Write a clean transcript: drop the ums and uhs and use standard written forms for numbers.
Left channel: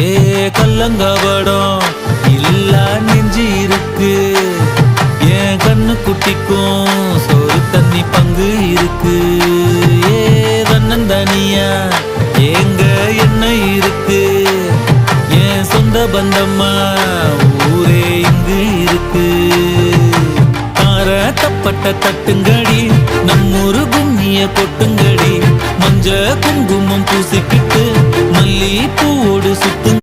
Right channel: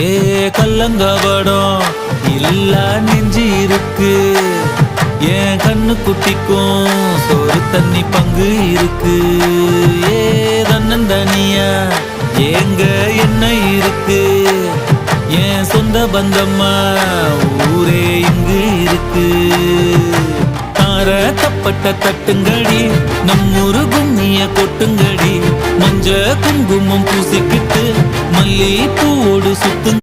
ஏ கல்லங்கபடம் இல்லா நெஞ்சு இருக்கு, என் கண்ணு குட்டிக்கும் சோறு தண்ணி பங்கு இருக்கு. ஏ தன்னந்தனியா ஏங்க என்ன இருக்கு, என் சொந்த பந்தம்மா ஊரே இங்கு இருக்கு. தார தப்பட்ட தட்டுங்கடி, நம்மூரு கும்மிய கொட்டுங்கடி, மஞ்ச குங்குமம் பூசிக்கிட்டு மல்லி பூவோடு சுத்துங்க.